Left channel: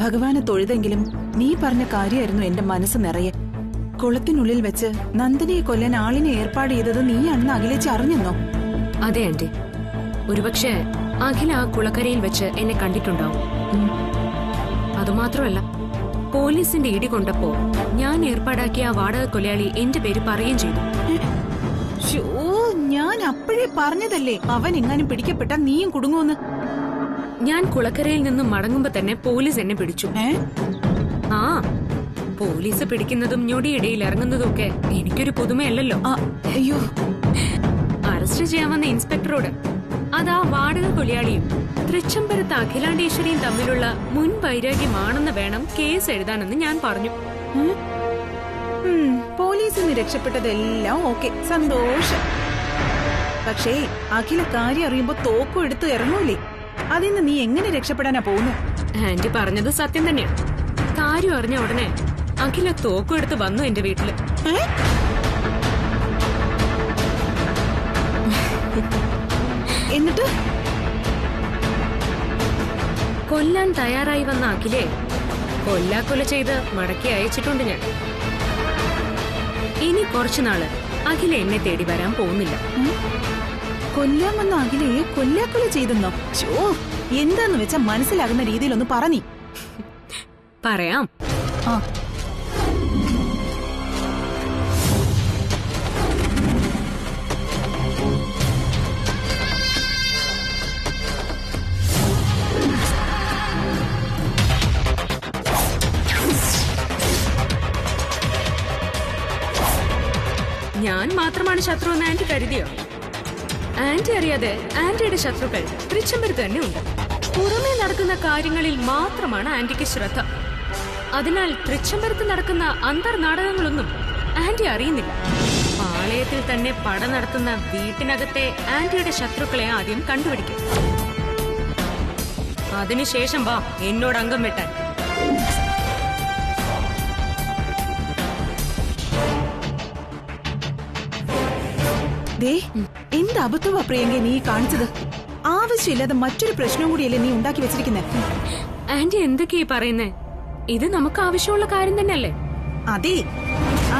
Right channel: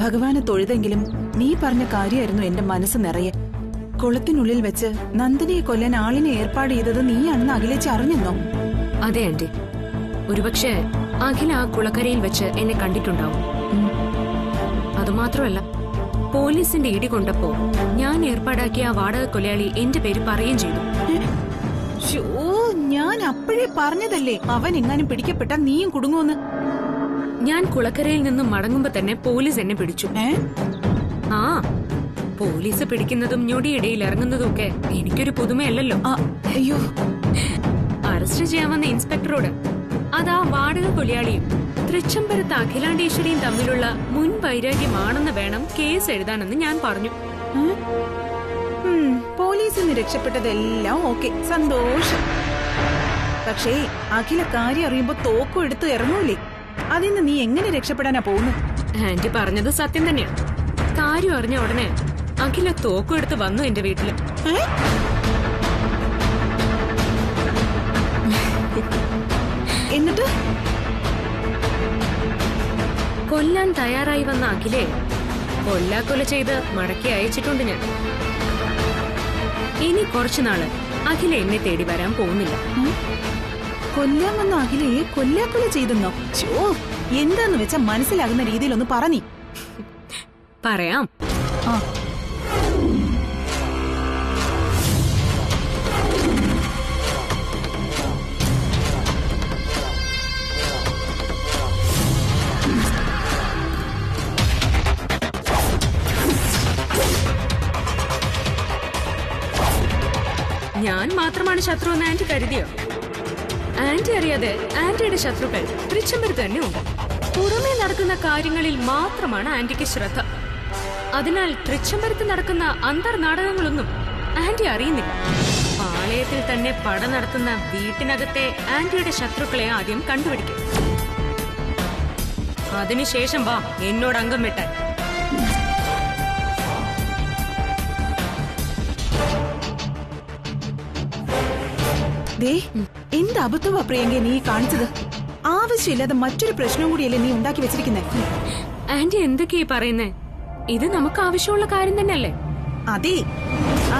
ഭഗവാനെ തൊഴുതെങ്കിലും നീ പറഞ്ഞ കാര്യമായിരുന്നു എന്റെ മനസ്സ് നിറയെ. കുളത്തിനുള്ളിൽ വെച്ച് നന്ദിനിയെ കൊല്ലാൻ ആളിനെ ഏർപ്പാട് ചെയ്തത് നീയാണെന്ന് അഖിലേച്ചി അറിഞ്ഞെന്നോ? അതെ ആന്റി, ഒരുപക്ഷെ അഖില ആ കുളക്കരയിൽ വെച്ച് എന്നെ കണ്ടിട്ടുണ്ടാവും. അതുമാത്രമല്ല, പോലീസിന്റെ ഇടി കൊണ്ടപ്പോ ഞാൻ ഏർപ്പാടാക്കിയ ആ വാടക കൊലയാളി എന്റെ പേര് പറയുകയും ചെയ്തു. ഞാൻ അപ്പോഴേ പറഞ്ഞതല്ലേ അവൻ എങ്ങാനും പിടിക്കപ്പെട്ട നീയും കുടുങ്ങുമെന്ന്. ഞാൻ കുളക്കരയിൽ നിന്നും മടങ്ങുമ്പോ തന്നെ പോലീസ് എന്നെ പിടിച്ചു. ആ, പോലീസ് പിടിക്കുന്നതും ഞൊടിയിടയിൽ ഇറങ്ങുന്നതും ഒക്കെ എനിക്കൊരു പുതുമയല്ലല്ലോ. അയ്യോ, അറസ്റ്റ് ചെയ്യാൻ വന്ന ഇൻസ്പെക്ടറോട് അതാ വാടക കൊലയാളിയും തൃച്ചംബരത്ത് അഖിലാണ്ടേശ്വരിയും തമ്മിലുള്ള മുൻ വൈരാഗ്യമാണെന്ന് വേണം കേസ് എഴുതാനെന്ന് ഞാൻ പറഞ്ഞു. പോലീസിന് രക്ഷപ്പെട്ടതെല്ലാം ഓക്കെ, സന്തോഷം. പക്ഷേ അഖില കാര്യം അറിയുമ്പോ തോക്കും എടുത്ത് ഇറങ്ങൂലേ? അതിന്ന് നീ എങ്ങനെ രക്ഷപ്പെടാനാ പോകുന്നത്? ആന്റി പറഞ്ഞത് സത്യം തന്നെയാ. കാര്യം അറിഞ്ഞ ഉടനെ അഖില തോക്കും എടുത്ത് വന്നു എന്റെ വീട്ടില്. എന്നിട്ട് കൊല്ലാൻ തയ്യാറായി വന്ന അഖിലെ കൊല്ലാക്കൊല ചെയ്ത് മടക്കി അയച്ചിട്ടുണ്ട് ഞാൻ. ഇനി കുറച്ചുനാള് അഖില എന്നെ തേടി വരാൻ പോകുന്നില്ല. കൊല്ലാൻ വന്ന അഖിലയെ കൊല്ലാക്കൊല ചെയ്തെന്നോ? എന്താന്ന് വെച്ചാ മനസ്സിലാകുന്ന രീതിയിലൊന്ന് പറഞ്ഞി. പറയാം. ഞാൻ മാത്രമാണ് ശത്രു എന്ന് ആന്റി കരുതിയോ? ആന്റി അറിയാതെ ആന്റിയുടെ ശത്രുക്കൾ തൃച്ചംബരത്ത് തന്നെ ഉണ്ട്. പുറമേ നടക്കുന്ന കാര്യങ്ങളിൽ മാത്രമാണ് ആന്റിക്ക് ശ്രദ്ധ. അതിനാൽ തൃച്ചംബരത്ത് നടക്കുന്ന അന്തർനാടകങ്ങളൊന്നും ആന്റി അറിയുന്നില്ല. പാളയത്തിൽ തന്നെ പട നടത്തുന്ന വീട്ടിനകത്തെ ആന്റിയുടെ ശത്രുക്കളെ ആദ്യം കണ്ടുപിടിക്കും. അതിനുശേഷം വാ എന്നോട് അംഗം വെട്ടാൻ. എന്ത് അബദ്ധമാ പ്രിയങ്ക നീ കാണിച്ചത്? ആവശ്യമില്ലാതെ മറ്റൊരു പ്രശ്നം കൂടിയല്ലേ നീ ഉണ്ടാക്കി വെച്ചിരിക്കുന്നേ? ആന്റി എന്തൊക്കെയാ പറയുന്നേ? ഇത് നമുക്ക് ആവശ്യമുള്ള കാര്യം തന്നെയല്ലേ? അതെ,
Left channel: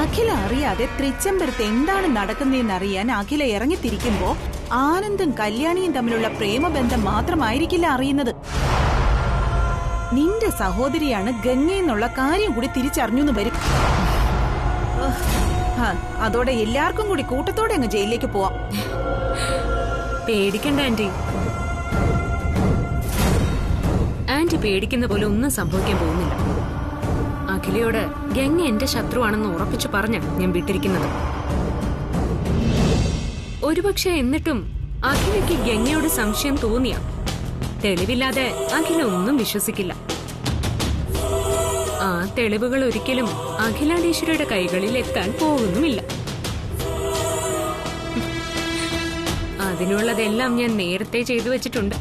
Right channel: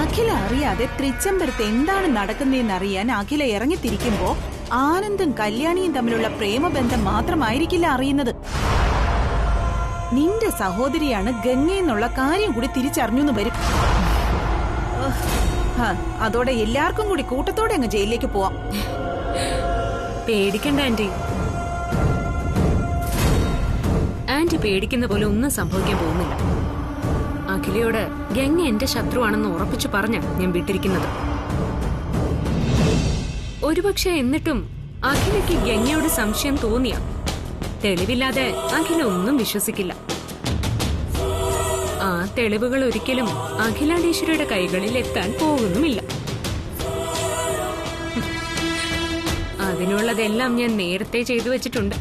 അഖില അറിയാതെ തൃച്ചംബരത്ത് എന്താണ് നടക്കുന്നതെന്നറിയാൻ അഖില ഇറങ്ങിത്തിരിക്കുമ്പോ ആനന്ദും കല്യാണിയും തമ്മിലുള്ള പ്രേമബന്ധം മാത്രമായിരിക്കില്ല അറിയുന്നത്. നിന്റെ സഹോദരിയാണ് ഗംഗയെന്നുള്ള കാര്യം കൂടി തിരിച്ചറിഞ്ഞു വരും. അതോടെ എല്ലാവർക്കും കൂടി കൂട്ടത്തോടെ അങ്ങ് ജയിലിലേക്ക് പോവാം. പേടിക്കണ്ട ആന്റി. ആന്റി പേടിക്കുന്ന പോലെ ഒന്നും സംഭവിക്കാൻ പോകുന്നില്ല. അഖിലയോട് ഗംഗ എന്റെ ശത്രുവാണെന്ന് ഉറപ്പിച്ചു പറഞ്ഞ ഞാൻ വിട്ടിരിക്കുന്നത്. ഒരുപക്ഷെ എന്നിട്ടും അഖിലയ്ക്ക് ഗംഗയോട് സംശയം തോന്നിയ തെളിവില്ലാതെ അഖില ഒന്നും വിശ്വസിക്കില്ല. ആ തെളിവുകൾ ഒരിക്കലും അഖിലാണ്ടേശ്വരിയുടെ കൈകളിൽ എത്താൻ പോകുന്നുമില്ല. അതിനുള്ളതെല്ലാം ഞാൻ നേരത്തെ ചെയ്തു വെച്ചിട്ടുണ്ട്.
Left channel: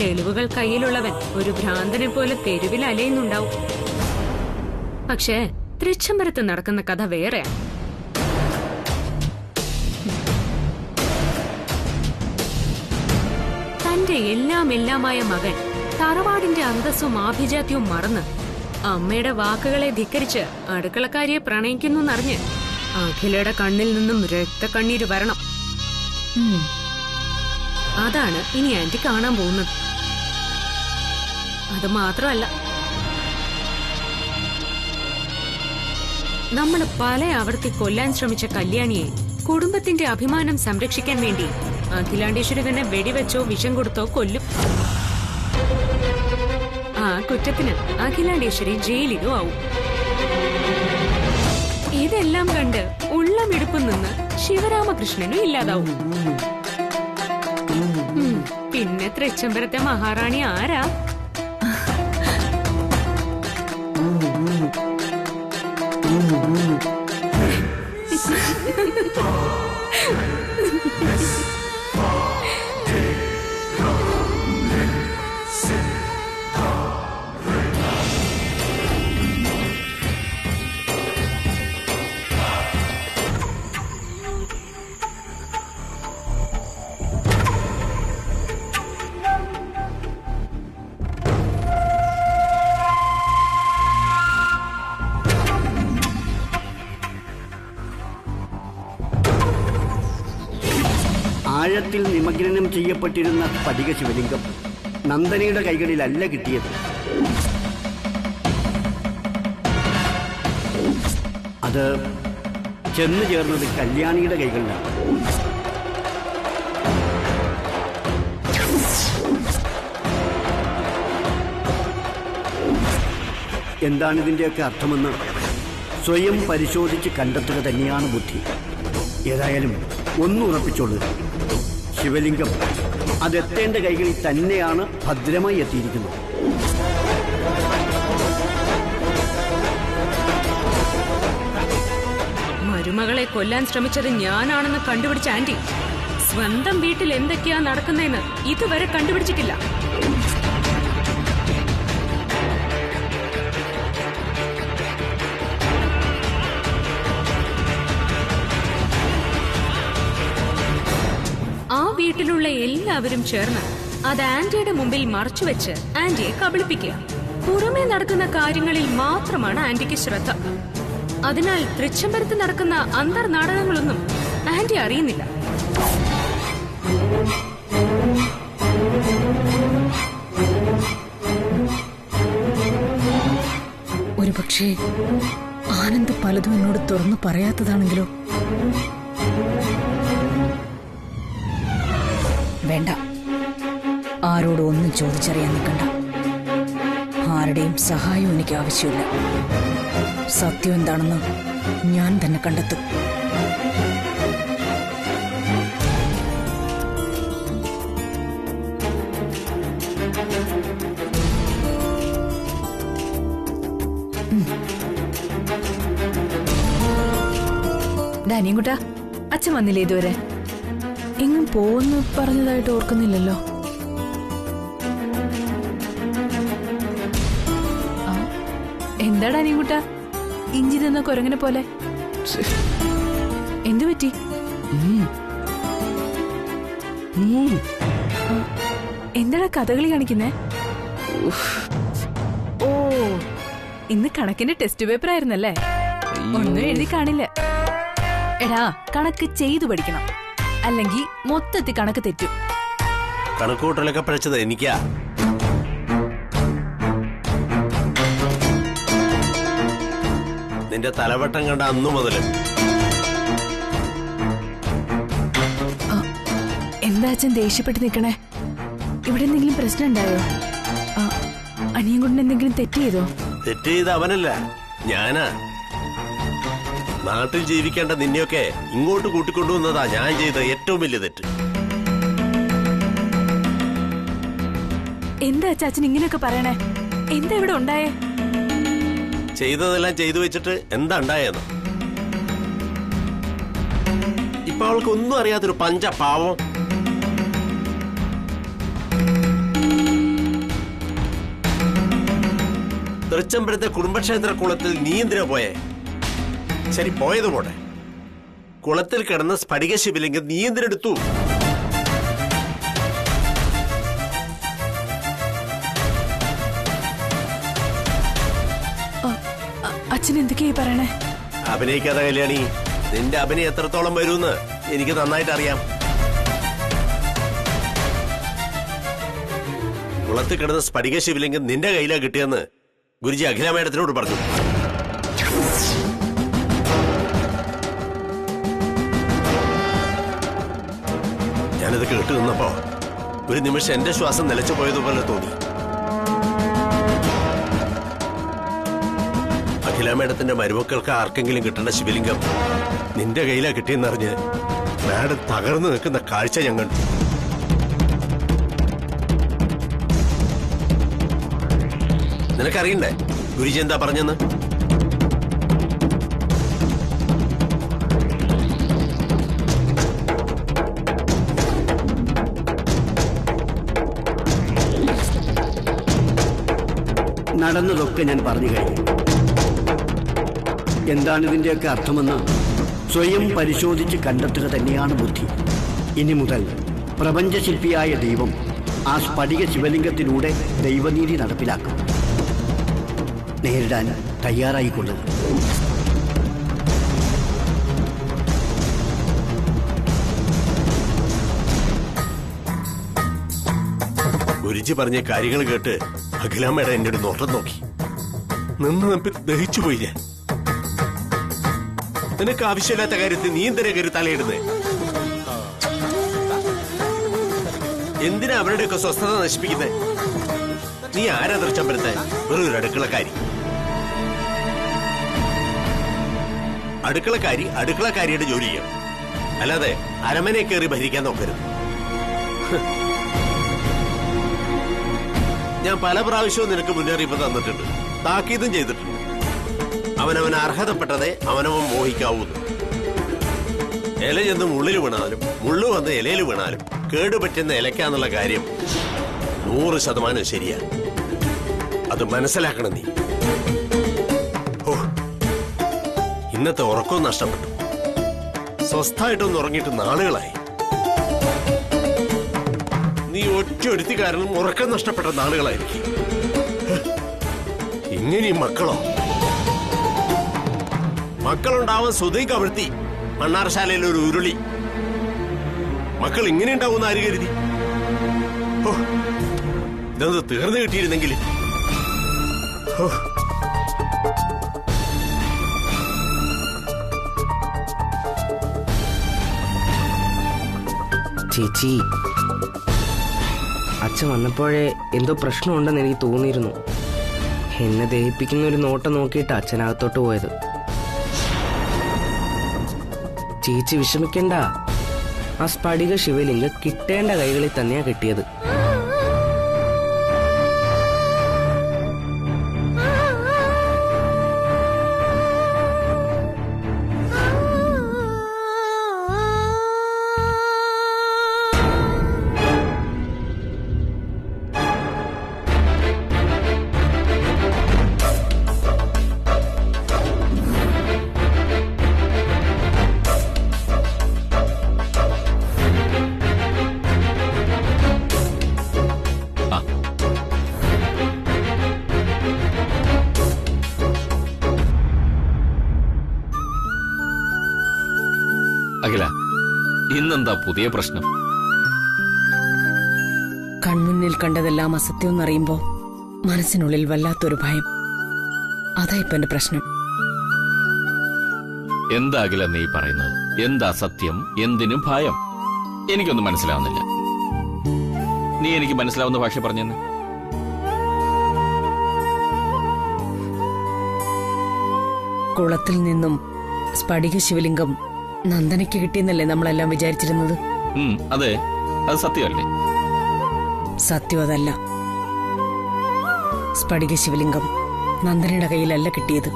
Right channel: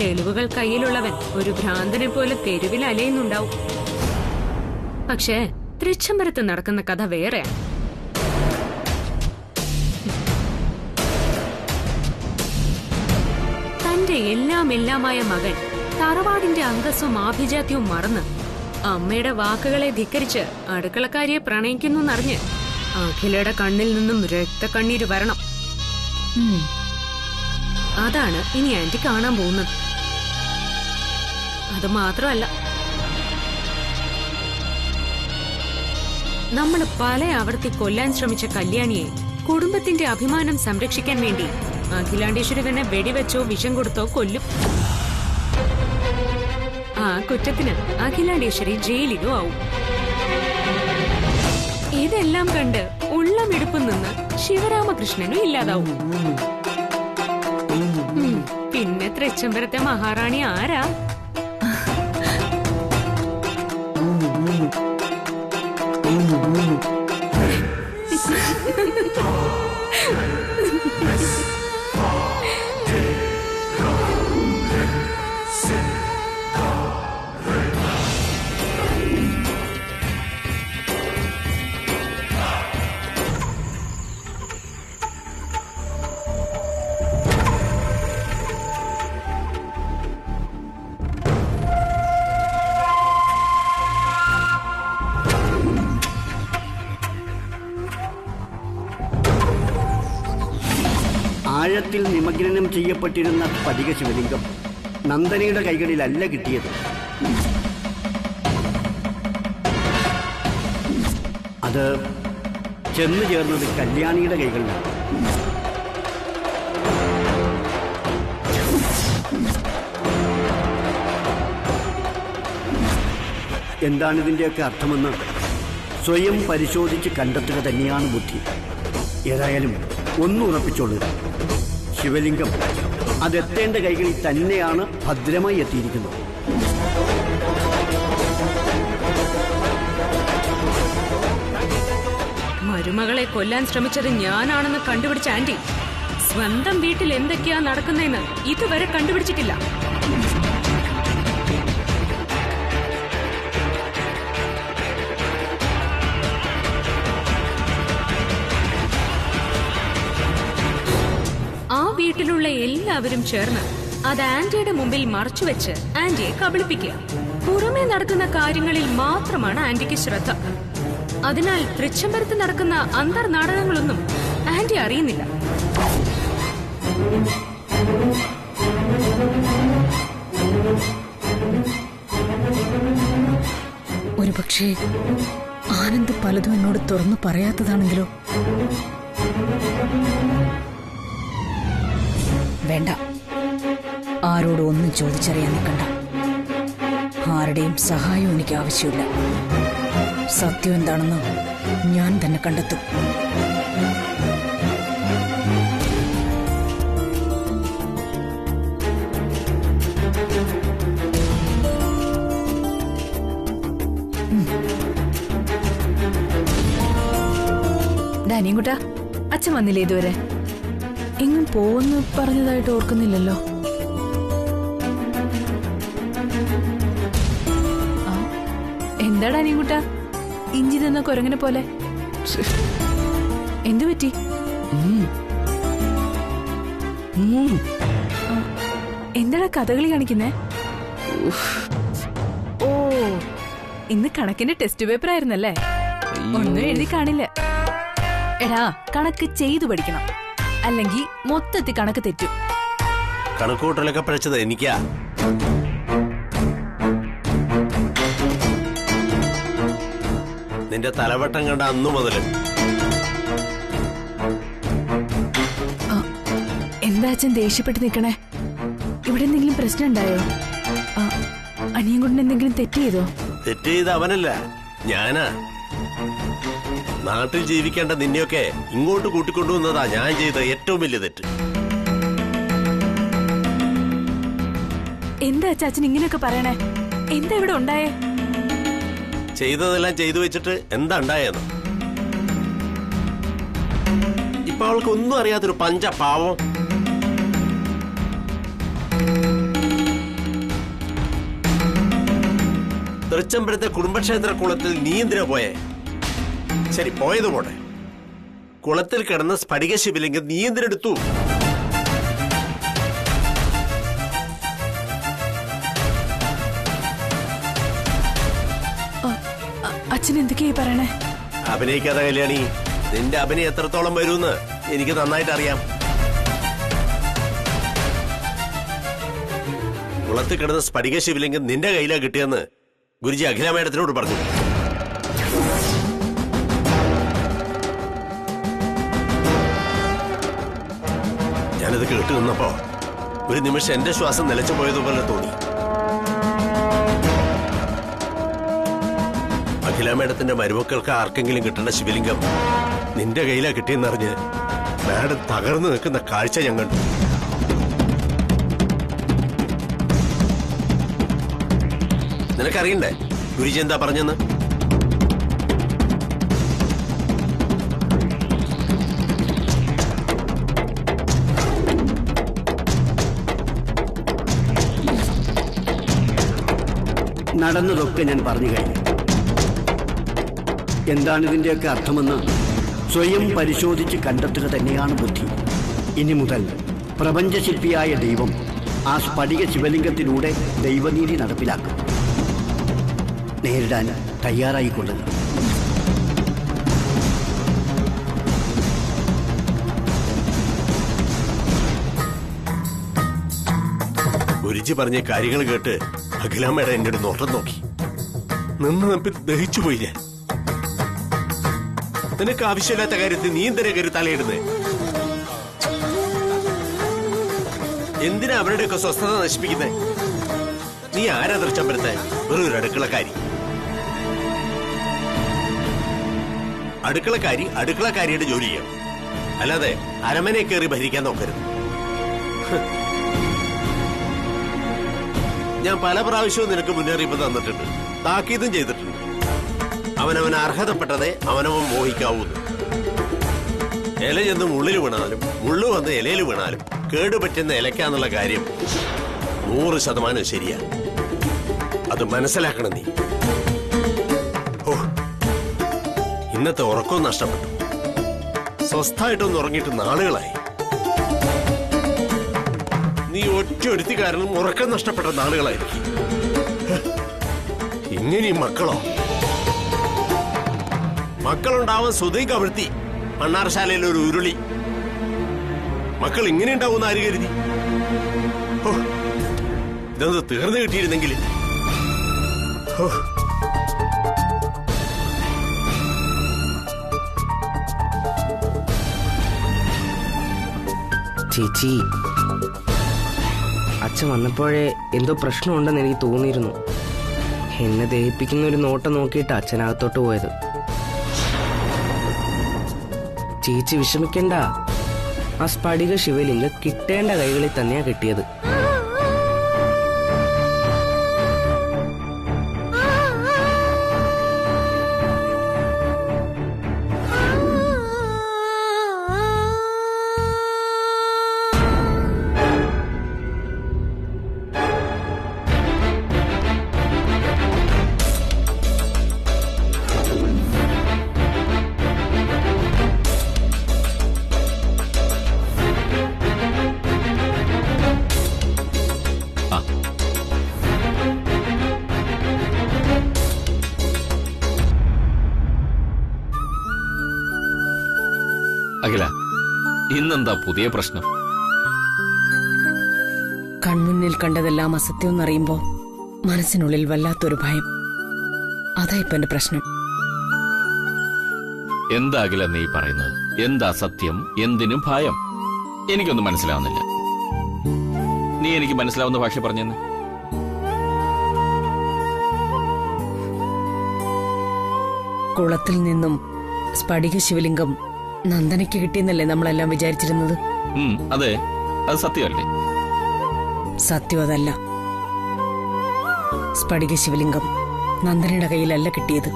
തെളിവുകൾ കയ്യിലുള്ളവൻ ഒരു ഭ്രാന്തനെ പോലെ തെരുവിൽ അലയുന്നുണ്ടാവും. പക്ഷേ തൃച്ചംബരത്ത് നടക്കുന്ന കഥ വേറെയാ. തന്റെ എല്ലാമായ മകൻ തറവാടിന്റെ അന്തസ്സും ആഭിജാത്യവും മറന്ന് അമ്മയുടെ വാക്കുകളെ ധിക്കരിച്ച് അടുക്കളക്കാരിയെ പ്രണയിക്കുന്നറിഞ്ഞ് അഖിലയുടെ കണ്ണിൽ നിന്നും രക്തക്കണ്ണീര് വരണം. അതാണ് ഇനി ആന്റി കാണാൻ പോകുന്നത്. അത് മാത്രമല്ല, നമ്മൾ പല ആവർത്തി കൊല്ലാൻ ശ്രമിച്ച കല്യാണിയെ കുടുംബത്തിന്റെ അഭിമാനം സംരക്ഷിക്കാൻ വേണ്ടി അഖിലാണ്ടേശ്വരി തന്നെ വെടിവെച്ചോ വിഷം കൊടുത്തോ കൊല്ലും. ആ കുറ്റത്തിന് അഖിലാണ്ടേശ്വരി ജയിലിലും ആവും. ഇതെല്ലാം കണ്ട് ഉള്ളമിടുപ്പിൽ നിന്ന് ശിവരാമകൃഷ്ണനും ഇല്ലാതാവും. പിന്നെ തൃച്ചംബരത്തെ മഹാറാണി ആരാ? ആഴത്തിൽ നിമഗ്നം ചെയ്യപ്പെട്ടിരുന്ന സ്ഫടിക ശിവലിംഗം നന്ദനയുടെ കൈകളിലല്ല കിട്ടിയത്. അത് ചെന്നു ചേർന്നത് കല്യാണിയുടെ കൈകളിലാണ്. എന്താണിതിൻ്റെയൊക്കെ അർത്ഥമെന്ന് സ്വയം പരിശോധിച്ച് കണ്ടെത്തുക തന്നെയാണ് ബുദ്ധി. ഏതായാലും ഒന്നുറപ്പിച്ചോളൂ, ശിവലിംഗം അതെത്തേണ്ട കൈകളിൽ തന്നെയാണ് ഭദ്രമായി എത്തിയിരിക്കുന്നത്. മരുമകളെ കൊല്ലാൻ ശ്രമിച്ചത് ഞാനാണെന്ന് കണ്ടുപിടിച്ച ആന്റി സ്വന്തം വീട്ടിൽ എന്തൊക്കെയാ നടക്കുന്നതെന്ന് ഇതുവരെ കണ്ടുപിടിച്ചിട്ടില്ല. ആ വീട്ടിലുള്ള എല്ലാവരും ചേർന്ന് അത് ആന്റിയുടെ മുമ്പിൽ മറച്ചുവെച്ച് ആന്റിയെ കബളിപ്പിക്കുക. പുറമേ നടക്കുന്ന കാര്യങ്ങളിൽ മാത്രമാണ് ആന്റിക്ക് ശ്രദ്ധ. അതിനാൽ തൃച്ചംബരത്ത് നടക്കുന്ന അന്തർനാടകങ്ങളൊന്നും ആന്റി അറിയുന്നില്ല. ഒരുപക്ഷേ ആനന്ദ് പലതും എന്നോട് തുറന്നു പറയാത്തതാണെങ്കിലോ? വേണ്ട, ആരോടും ഒന്നും ചോദിച്ചറിയാൻ നിൽക്കണ്ട. ആരുടെയും സഹായവും എനിക്ക് ആവശ്യമില്ല. സത്യം എന്താണെന്ന് ഞാൻ തന്നെ കണ്ടെത്തും. ഡാനിയൻകുട്ടാ, അച്ഛൻ വന്നില്ലേ ഇതുവരെ? എങ്ങും പോവെന്ന് പറഞ്ഞതായിട്ട് ഓർക്കുന്നില്ലല്ലോ. എന്താ ഡാനിയൻകുട്ടാ ഇഞ്ചി തിന്ന കുരങ്ങനെ പോലെ? എന്തു പറ്റി? എന്താടാ കഥകളി കാണിക്കുന്നേ? ഓ, ഇന്ന് കണക്കിന്റെ ടെസ്റ്റ് പേപ്പർ ആയിരുന്നല്ലേ? ഒന്നും എഴുതി കാണില്ല. എടാ, കണക്ക് ചെയ്തു പഠിക്കണം, അല്ലെങ്കിൽ മൊത്തത്തിൽ കണക്ക് തെറ്റും. കണക്കൂട്ടലൊക്കെ പഠിച്ചത് എനിക്കാ. നിന്റെ തലവട്ടം കണ്ട അന്നു മുതല്. എന്താ അച്ഛൻ ദേഷ്യപ്പെട്ട് നിൽക്കണേ? ഇവിടെ എന്തെങ്കിലും പ്രശ്നം ഉണ്ടായോ? അനിയൻ കൊണ്ട് എന്തെങ്കിലും തെറ്റ് ചെയ്തോ? തെറ്റ് ചെയ്ത് അവനല്ല, ഞാനാ. നാട്ടിൽ ജീവിക്കേണ്ട നിന്നെയൊക്കെ ഇങ്ങോട്ട് കൂട്ടിക്കൊണ്ടുവന്നതാ ഞാൻ ചെയ്ത ഏറ്റവും വലിയ തെറ്റ്. എന്താ അച്ഛൻ ഇങ്ങനെയൊക്കെ പറയണേ? എന്താ ഇവിടെ ഉണ്ടായേ? ചെയ്തതെല്ലാം ചെയ്തു വെച്ചിട്ട് എന്താ ഉണ്ടായെന്ന് ഇപ്പൊ അവൾക്ക് ഒന്നും അറിയാത്തൊരു പഞ്ച പാവം. തൃച്ചംബരത്തെ കുടുംബക്ഷേത്ര കുളത്തിൽ നീ എന്തിനാ പോയേ? ശരി, പോയത് പോട്ടെ. കുളത്തിൽ കിടന്ന സ്ഫടിക ശിവലിംഗം നീ എന്തിനെടുത്തു? അച്ഛൻ എന്തൊക്കെയായി പറയണേ? അഭിനയിക്കാതെ കല്യാണി, നിന്റെ അഭിനയം എത്രത്തോളം വരുമെന്ന് എനിക്ക് നന്നായിട്ട് അറിയാം. കുളത്തിൽ കിടന്ന സ്ഫടിക ശിവലിംഗം നിന്റെ കയ്യിലാ കിട്ടിയെന്ന് ഗുരുജി അഖില മേഡത്തിനോട് പറഞ്ഞു. ഞാനത് കേട്ടു നിന്നപ്പോ ഒരു നിമിഷം എന്റെ ശ്വാസം നിലച്ചു പോയതുപോലെ തോന്നി. അഖില മേഡത്തിന്റെ മരുമക്കൾക്ക് ആർക്കെങ്കിലും കിട്ടേണ്ട ശിവലിംഗം നിന്റെ കയ്യിലാ കിട്ടിയെന്നറിഞ്ഞ് മാഡം തകർന്നു നിൽക്കുന്ന കാഴ്ച ഞാൻ കണ്ടു. നിനക്കറിയണ്ടേ ഗുരുജി എന്താ പറഞ്ഞെന്ന്? നടന്നതൊക്കെ ഞാൻ പറഞ്ഞു കഴിഞ്ഞു. എന്താണിതിൻ്റെയൊക്കെ അർത്ഥമെന്ന് സ്വയം പരിശോധിച്ച് കണ്ടെത്തുക തന്നെയാണ് ബുദ്ധി. ഇനി മുതൽ പ്രപഞ്ചശില്പിയായ ദൈവം ആ സ്ഫടിക ശിവലിംഗത്തിലൂടെ ദൈവനീതി നടപ്പിലാക്കും. നേരിടാൻ തയ്യാറായിക്കൊള്ളുക. ഗുരുജി പറഞ്ഞ കാര്യങ്ങൾ കേട്ട് അഖിലാമ്മയുടെ എന്റെ ഒരു നോട്ടം നോക്കി നിന്ന് നമ്പി ദഹിച്ചുപോയി ഞാൻ. നിനക്ക് ആവശ്യമില്ലാത്ത കാര്യത്തിൽ നീ എന്തിനാ കയറി തലയിടുന്നേ? എന്തിനാ അവരുടെയൊക്കെ സ്വസ്ഥത നശിപ്പിക്കുന്നേ? നീ ആരാ തൃച്ചമ്പലത്തെ? വെറും ഒരു അടുക്കളക്കാരി. അടുക്കളക്കാരിയുടെ ജോലി ചെയ്യണം, അല്ലാതെ അരമനെ കയറി ഭരിക്കാൻ നോക്കരുത്. ഞാൻ പല പ്രാവശ്യവും നിനക്ക് മുന്നറിയിപ്പ് തന്നിട്ടുണ്ട്, താക്കീതും ചെയ്തിട്ടുണ്ട്. അവനവൻ അർഹതപ്പെട്ടതേ അവനവൻ മോഹിക്കാവൂന്ന്. ഇല ചെന്ന് മുള്ളിൽ വീണാലും മുള്ളു വന്ന് ഇലയിൽ വീണാലും കേടുപറ്റുന്ന ഇലയ്ക്കാന്നുള്ള കാര്യം 100% ശരിയാ. അത് മനസ്സിലാക്കണം നീ. ഓ, ഇന്നത്തെ ഉറക്കവും നഷ്ടപ്പെട്ടു. സ്വസ്ഥായിട്ടൊന്ന് ഉറങ്ങിയിട്ട് നാളുകളായി. നീ ഒറ്റൊരുത്തി കാരണം ഉറക്കം നഷ്ടപ്പെട്ട നാളുകളായിരിക്കും. ഇങ്ങനെയും മക്കളുണ്ടാവാൻ സ്വതേ കവിഴ്ത്തി മണ്ണാർശാലയിൽ ഒരു ഉരുളി. മക്കൾ ഇങ്ങനെ ഉണ്ടാവുന്ന ആര് കരുതി? ഓ, ഇതൊന്ന് തീർന്നു കിട്ടിയിരുന്നെങ്കിൽ. ചേച്ചി, അച്ഛൻ വന്നപ്പോഴേ എന്തോ പ്രശ്നമുണ്ടെന്ന് എനിക്ക് തോന്നിയിരുന്നു. എന്നെ ദഹിപ്പിക്കുന്ന ഒരു നോട്ടം നോക്കിയിട്ട് അച്ഛനകത്തോട്ട് പോയത്. ചേച്ചി വിഷമിക്കണ്ട, ആ സ്ഫടിക ശിവലിംഗം കിട്ടേണ്ട കൈകളിൽ തന്നെയാ കിട്ടിയത്. അഖില, ഇന്നെന്താ പുതിയ പ്രശ്നം? കൺമുന്നിൽ കണ്ടതെല്ലാം അസത്യമെന്നറിയുമ്പോ മനസ്സിനുള്ളിൽ വല്ലാത്തൊരു ഭയം. അതാ ഇപ്പൊ എന്റെ പ്രശ്നം. എന്താ അഖില നീ പറയുന്നത്? എന്താ സത്യം? എന്തിനും ഭയം? എനിക്കൊന്നും മനസ്സിലാവുന്നില്ല. നീ എനിക്ക് മനസ്സിലാവുന്ന ഭാഷ പറഞ്ഞെന്ന്. കുളത്തിൽ നിന്നും സ്ഫടിക ശിവലിംഗം നന്ദനയ്ക്ക് കിട്ടിയെന്നല്ലേ നമ്മളെല്ലാം വിചാരിച്ചിരുന്നത്? അതെ, അത് സത്യമല്ലേ? സത്യം അതല്ല. സ്ഫടിക ശിവലിംഗം നന്ദനയുടെ കയ്യിലല്ല കിട്ടിയത്,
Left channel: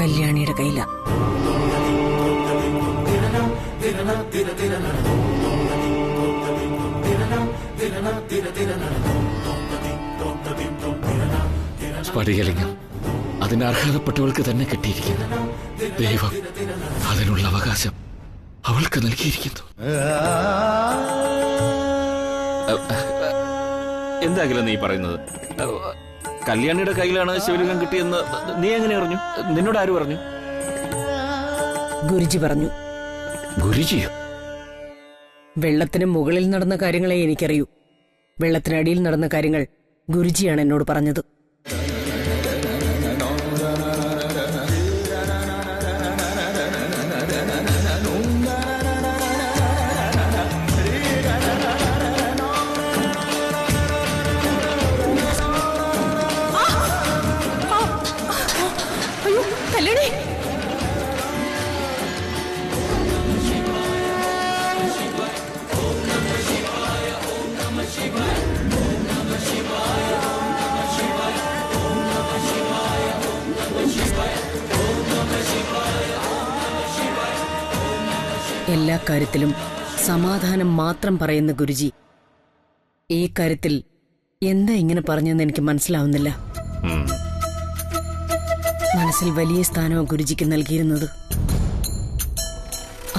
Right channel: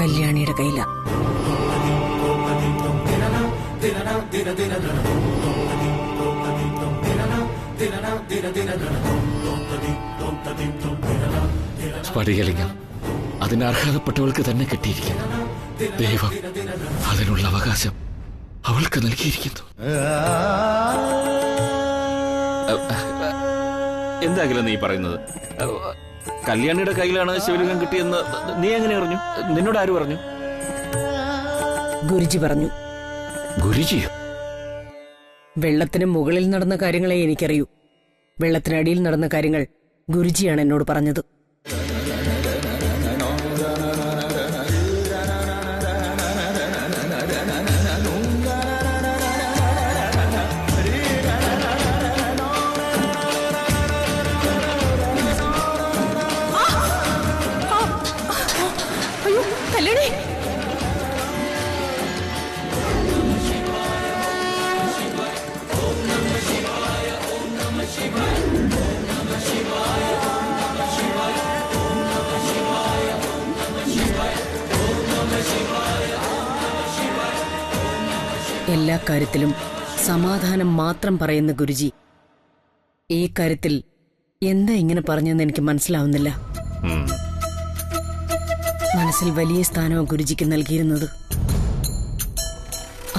കല്യാണിയുടെ കയ്യില. സ്ഫടികലിംഗം അതിന് അർഹതപ്പെട്ടവൾക്ക് തന്നെ കിട്ടിയിരിക്കുന്നു. ദൈവം അതിനുള്ള അവകാശം അവൾക്ക് നൽകിയിരിക്കുന്നു. എന്താകില്ല നീ പറയുന്നത്? കല്യാണിയുടെ കയ്യിലാണ് ശിവലിംഗം കിട്ടിയെന്ന് നീ എങ്ങനെ അറിഞ്ഞു? നിന്നോട് ആര് പറഞ്ഞു? ഗുരുജി പറഞ്ഞു. ഗുരുജിയോ? വെള്ളത്തിന് മുകളിൽ നടന്ന കാര്യങ്ങളെ എനിക്കറിയൂ. വെള്ളത്തിനടിയിൽ നടന്ന കാര്യങ്ങൾ ഗുരുജിയാണ് എന്നോട് പറഞ്ഞത്. എല്ലാ കാര്യത്തിലും സമാധാനം മാത്രം പറയുന്ന ഗുരുജി ഈ കാര്യത്തിൽ എന്താ ഇങ്ങനെ പറഞ്ഞെന്ന് എനിക്ക് മനസ്സിലാവുന്നില്ല. ഉം. മനസ്സിൽ വലിയ സ്ഥാനമാണ് ഗുരുജിക്ക് നൽകിയിരുന്നത്.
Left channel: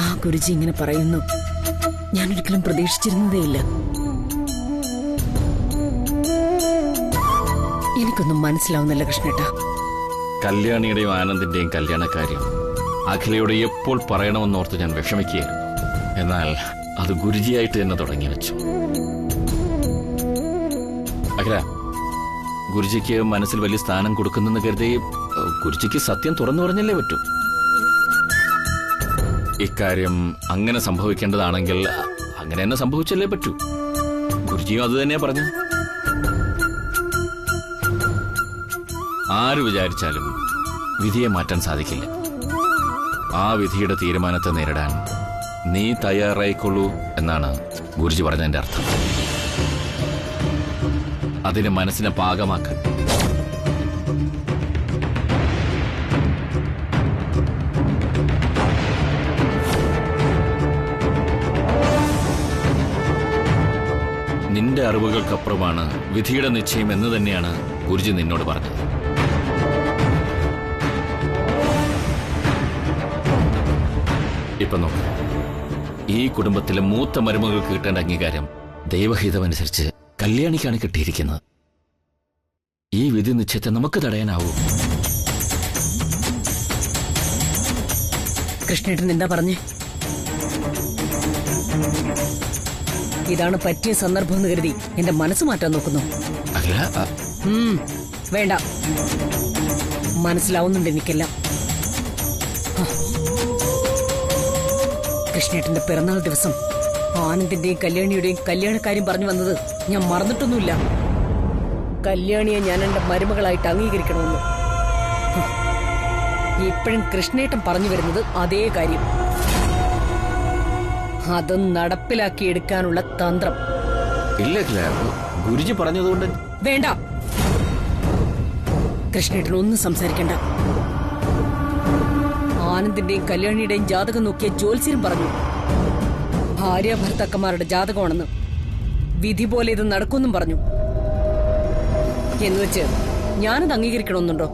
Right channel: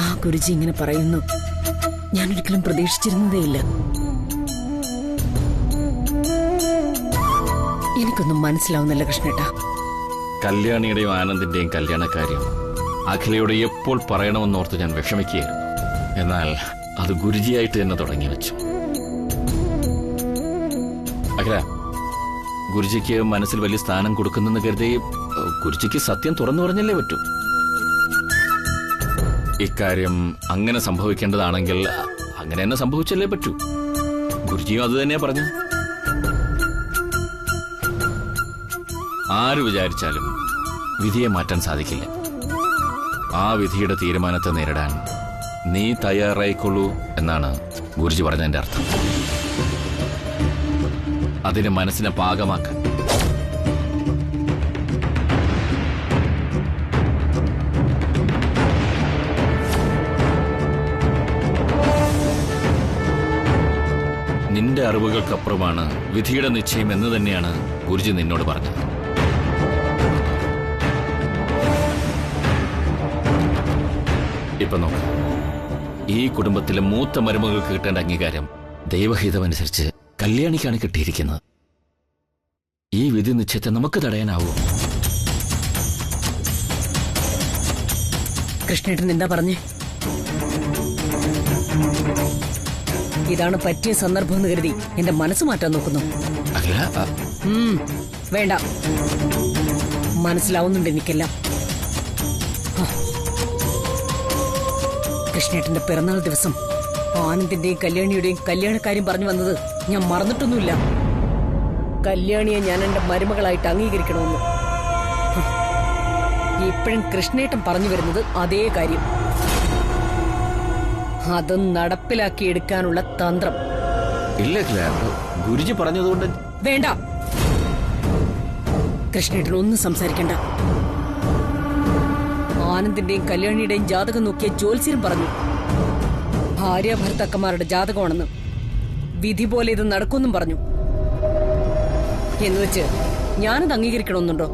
ആ ഗുരുജി ഇങ്ങനെ പറയുന്നു ഞാനൊരിക്കലും പ്രതീക്ഷിച്ചിരുന്നതേയില്ല. എനിക്കൊന്നും മനസ്സിലാവുന്നില്ല കൃഷ്ണേട്ടാ. കല്യാണിയുടെയും ആനന്ദിന്റെയും കല്യാണക്കാര്യം അഖിലയോട് എപ്പോൾ പറയണമെന്നോർത്ത് ഞാൻ വിഷമിക്കുകയായിരുന്നു. എന്നാൽ അത് ഗുരുജിയായിട്ട് തന്നെ തുടങ്ങി വെച്ചു. അഖില, ഗുരുജിക്ക് മനസ്സിൽ വലിയ സ്ഥാനം കൊടുക്കുന്നെന്ന് കരുതി ഗുരുജിക്ക് സത്യം തുറന്നു പറഞ്ഞല്ലേ പറ്റൂ. ഇക്കാര്യം അങ്ങനെ സംഭവിക്കേണ്ടതാണെങ്കിൽ അങ്ങനെ തന്നെ സംഭവിച്ചല്ലേ പറ്റൂ. ഗുരുജിയും അത് തന്നെയാ പറഞ്ഞു. ആര് വിചാരിച്ചാലും വിധിയെ മാറ്റാൻ സാധിക്കില്ല. ആ വിധിയുടെ തീരുമാനത്തെ നേരിടാൻ നീ തയ്യാറായിക്കൊള്ളൂ എന്നാണ് ഗുരുജി പറഞ്ഞതിന്റെ അർത്ഥം. അതിന് മനസ്സിനെ പാകമാക്കാൻ നിന്റെ അറിവുകൾക്കപ്പുറമാണ് വിധിയുടെ നിശ്ചയം എന്ന് തന്നെയാണ് ഗുരുജി നിന്നോട് പറഞ്ഞത്. ഇപ്പൊ നോക്ക്, ഈ കുടുംബത്തിലെ മൂത്ത മരുമകൾക്ക് കിട്ടേണ്ട അംഗീകാരം ദൈവഹിതമനുസരിച്ച് കല്യാണിക്കാണ് കിട്ടിയിരിക്കുന്നത്. ഈ വിധി നിശ്ചയത്തെ നമുക്ക് തടയാനാവൂ? കൃഷ്ണേട്ടൻ എന്താ പറഞ്ഞേ? ഇതാണ് പറ്റിയ സന്ദർഭം എന്ന് കരുതി എന്റെ മനസ്സ് മാറ്റാൻ നോക്കുന്നു. അല്ല, വേണ്ട, മനസ്സിലാവുന്നുണ്ട് എനിക്കെല്ലാം. കൃഷ്ണേട്ടന്റെ പിറന്നാൾ ദിവസം ആനന്ദിന്റെയും കല്യാണിയുടെയും കല്യാണക്കാര്യം പറഞ്ഞു വന്നത് ഞാൻ മറന്നിട്ടൊന്നുമില്ല. കല്യാണിയെ ഞാൻ എന്റെ മരുമകളായിട്ട് അംഗീകരിക്കണമെന്ന്. ഇപ്പോഴും കൃഷ്ണേട്ടൻ പറഞ്ഞു വരുന്നത് അതേ കാര്യം. അത് നടപ്പിലാക്കിയെടുക്കാനുള്ള തന്ത്രം. ഇല്ല, ഗുരുജി പറഞ്ഞതുകൊണ്ട് വേണ്ട, കൃഷ്ണേട്ടൻ ഒന്നും സംസാരിക്കണ്ട. ആനന്ദിന്റെയും കല്യാണിയുടെയും ജാതകം നോക്കിയ ജ്യോത്സ്യരും പറഞ്ഞു ഭാര്യ ഭർത്താക്കന്മാരുടെ ജാതകമാണെന്ന്. വിധി പോലെ ഇത് നടക്കുമെന്നും പറഞ്ഞു. എന്നുവെച്ച് ഞാനത് അംഗീകരിക്കണമെന്നുണ്ടോ?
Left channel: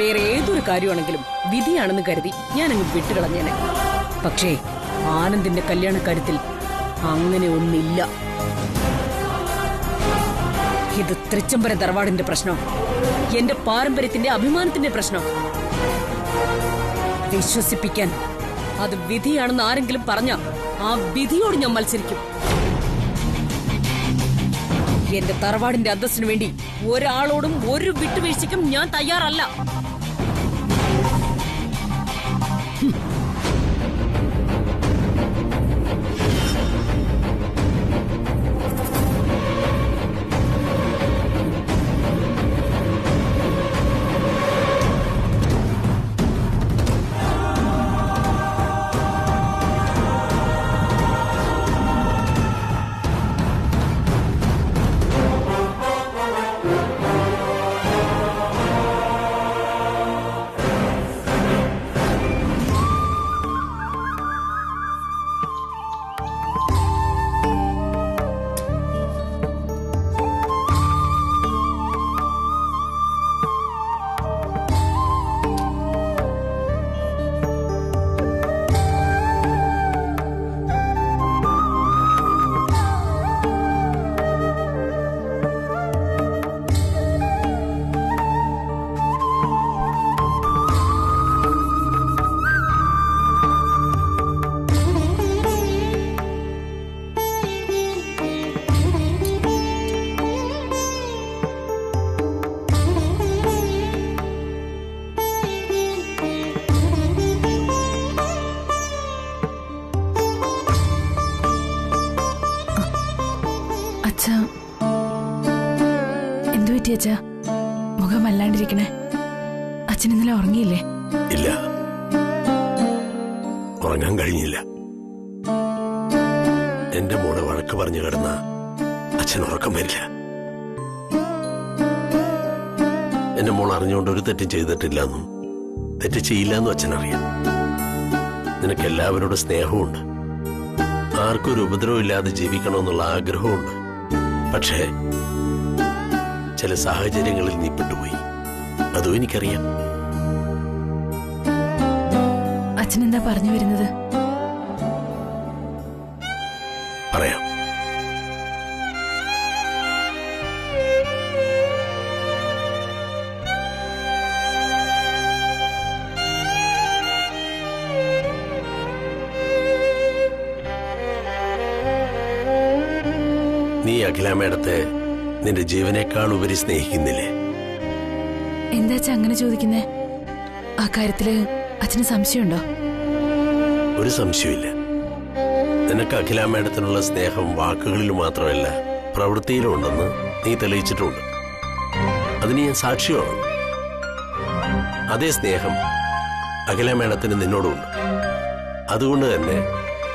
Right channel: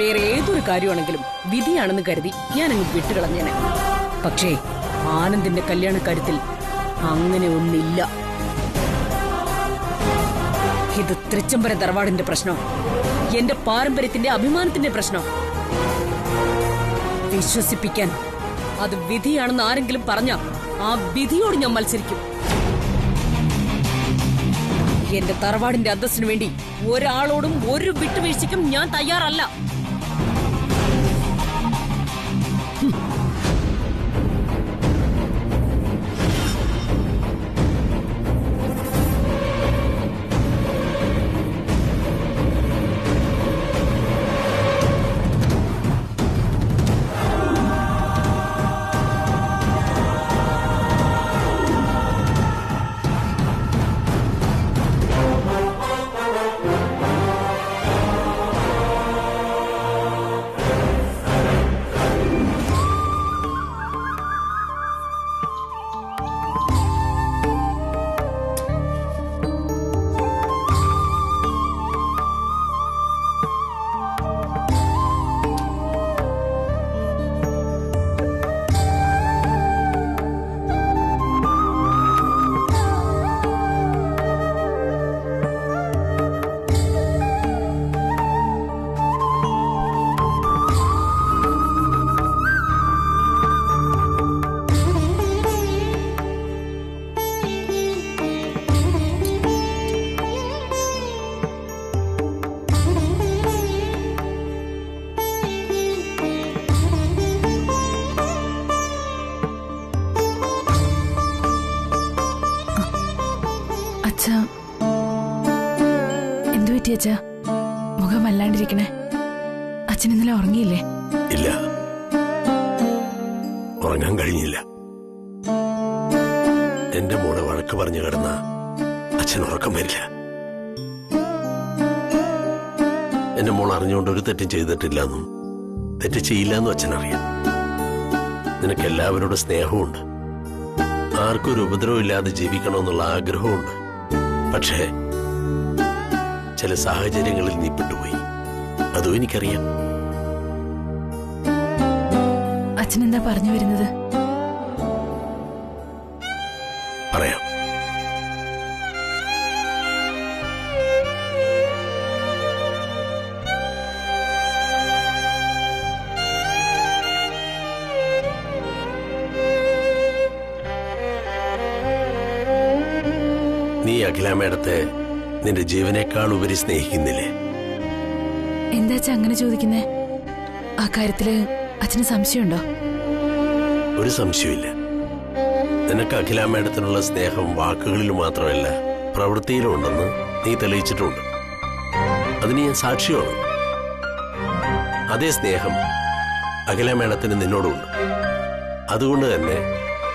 വേറെ ഏതൊരു കാര്യമാണെങ്കിലും വിധിയാണെന്ന് കരുതി ഞാനങ്ങ് വിട്ടുകളഞ്ഞേനെ. പക്ഷേ ആനന്ദിന്റെ കല്യാണക്കാര്യത്തിൽ അങ്ങനെ ഒന്നില്ല. ഇത് തൃച്ചംബരം തറവാടിന്റെ പ്രശ്നം, എന്റെ പാരമ്പര്യത്തിന്റെ അഭിമാനത്തിന്റെ പ്രശ്നം. വിശ്വസിപ്പിക്കാൻ അത് വിധിയാണെന്ന് ആരെങ്കിലും പറഞ്ഞ ആ വിധിയോട് ഞാൻ മത്സരിക്കും. എന്റെ തറവാടിന്റെ അന്തസ്സിനു വേണ്ടി ഒരാളോടും ഒരു വിട്ടുവീഴ്ചയ്ക്കും ഞാൻ തയ്യാറല്ല. എന്തു പറ്റി അച്ഛാ? മുഖം വല്ലാണ്ടിരിക്കണേ. അച്ഛൻ ഇന്നലെ ഉറങ്ങിയില്ലേ? ഇല്ല, ഉറങ്ങാൻ കഴിഞ്ഞില്ല. എന്റെ മോളെ വഴക്ക് പറഞ്ഞു കിടന്ന അച്ഛൻ ഉറക്കം വരില്ല. എന്റെ മോൾ അറിഞ്ഞുകൊണ്ട് ഒരു തെറ്റും ചെയ്തിട്ടില്ലെന്നും തെറ്റ് ചെയ്യില്ലെന്നും അച്ഛനറിയാം. നിനക്ക് എല്ലാവരോടും സ്നേഹമുണ്ട്, ആർക്കും ഒരു ഉപദ്രവമില്ലാതെ ജീവിക്കണമെന്നുള്ള ആഗ്രഹമുണ്ട്. പക്ഷേ ചില സാഹചര്യങ്ങളിൽ നീ പെട്ടുപോയി, അതും എനിക്കറിയാം. അച്ഛനെന്താ പറഞ്ഞു വരുന്നത്? പറയാം. നീ അഖില മേഡത്തെ നിന്റെ ജീവനേക്കാൾ ഉപരി സ്നേഹിക്കുന്നില്ലേ? എന്താ അച്ഛൻ അങ്ങനെ ചോദിക്കുന്നേ? ആ കാര്യത്തില് അച്ഛന് സംശയമുണ്ടോ? ഒരു സംശയമില്ല. നിനക്ക് അഖില മേഡത്തിനുള്ള സ്നേഹം വാക്കുകളിൽ മാത്രമല്ല പ്രവൃത്തിയിലും ഉണ്ടെന്ന് നീ തെളിയിച്ചിട്ടുണ്ട്. അതിന് ഞാൻ സാക്ഷിയാണ്. അതേ സ്നേഹം അഖില മേഡത്തിന് നിന്നോടുണ്ട്. അതുകൊണ്ട് തന്നെ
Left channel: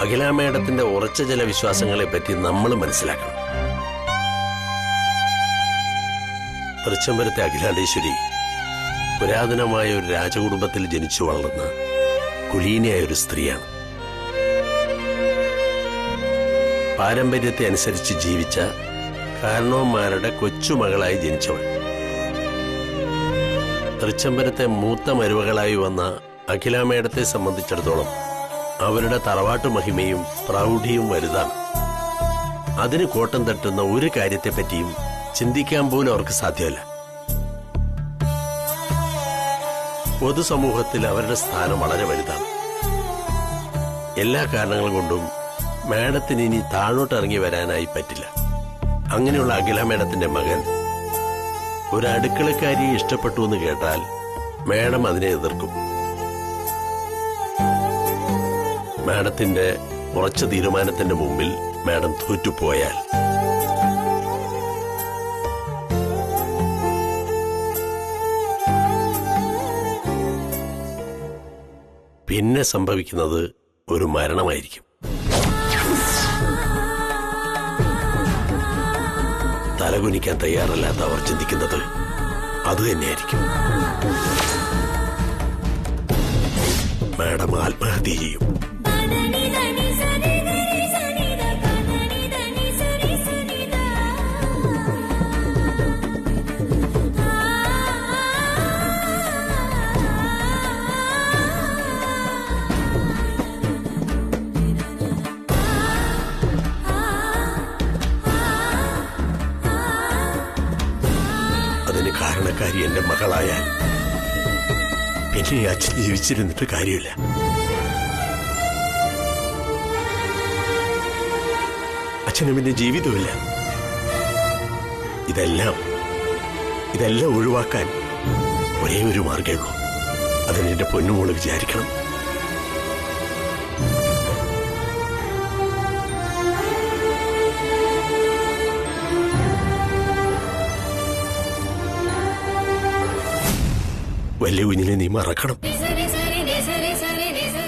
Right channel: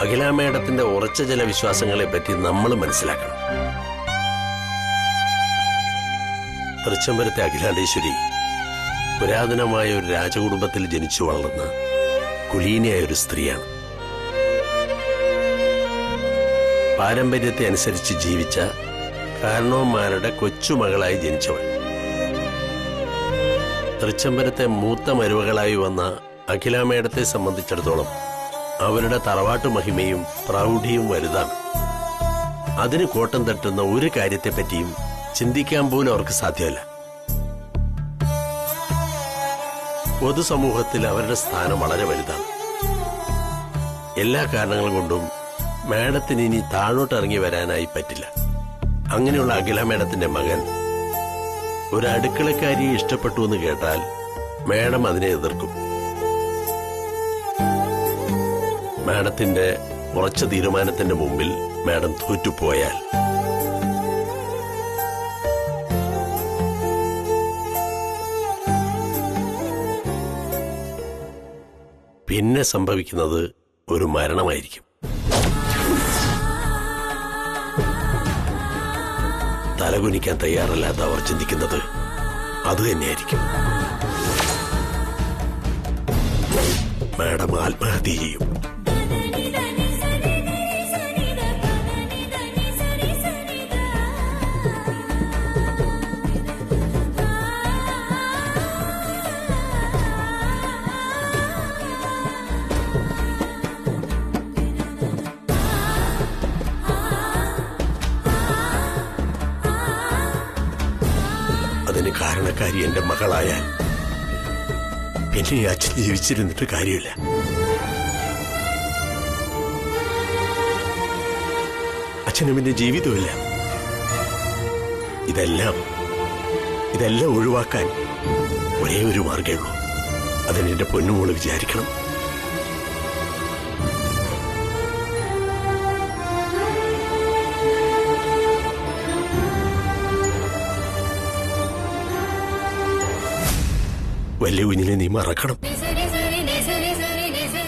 അഖില മേഡത്തിന്റെ ഉറച്ച ചില വിശ്വാസങ്ങളെ പറ്റി നമ്മൾ മനസ്സിലാക്കണം. തൃച്ചംബരത്തെ അഖിലാണ്ടേശ്വരി പുരാതനമായ ഒരു രാജകുടുംബത്തിൽ ജനിച്ചു വളർന്ന കുലീനയായ ഒരു സ്ത്രീയാണ്. പാരമ്പര്യത്തെ അനുസരിച്ച് ജീവിച്ച കാരണവന്മാരുടെ കൊച്ചുമകളായി ജനിച്ചവൾ. തൃച്ചംബരത്തെ മൂത്ത മരുമകളായി വന്ന അഖില മേഡത്തെ സംബന്ധിച്ചിടത്തോളം അവരുടെ തറവാട്ടു മഹിമയും പ്രൗഢിയും വലുതാണ്. അതിന് കോട്ടം തട്ടുന്ന ഒരു കാര്യത്തെപ്പറ്റിയും ചിന്തിക്കാൻ പോലും അവർക്ക് സാധ്യമല്ല. പൊതുസമൂഹത്തിൽ അവരുടെ സ്ഥാനം വളരെ വലുതാണ്. എല്ലാ കാരണങ്ങൾ കൊണ്ടും മേഡത്തിന് ഇനി താഴോട്ട് ഇറങ്ങി വരാനായി പറ്റില്ല. അങ്ങനെയുള്ള അഖില മേഡത്തിന്റെ മകൻ ഒരു അടുക്കളക്കാരിയെ ഇഷ്ടപ്പെട്ടു എന്ന് കേട്ടാൽ മേഡം അതിനെ എതിർക്കും. മാഡത്തിന്റെ ഉറച്ച തീരുമാനത്തിന്റെ മുമ്പിൽ മാഡം തോറ്റുപോയാൽ പിന്നെ സംഭവിക്കുന്നത് ഒരു മരണമായിരിക്കും. തലകുനിക്കാൻ തയ്യാറല്ലാത്ത അവർ ചിന്തിക്കുന്നത് അതുതന്നെയായിരിക്കും. മാഡം ആത്മഹത്യ ചെയ്യും. അതിന് കാരണക്കാരി എന്റെ മകളായാൽ പിന്നെ ഈ അച്ഛൻ ജീവിച്ചിരുന്നിട്ട് കാര്യമില്ല. അച്ഛനും പിന്നെ ജീവിതമില്ല. ഇതെല്ലാം ഒഴിവാക്കാൻ ഒരേ ഒരു മാർഗ്ഗമേ ഉള്ളൂ. അതിന് എന്റെ പൊന്നുമോള് വിചാരിക്കണം. വലിയ കുഞ്ഞിനെ നീ മറക്കണം.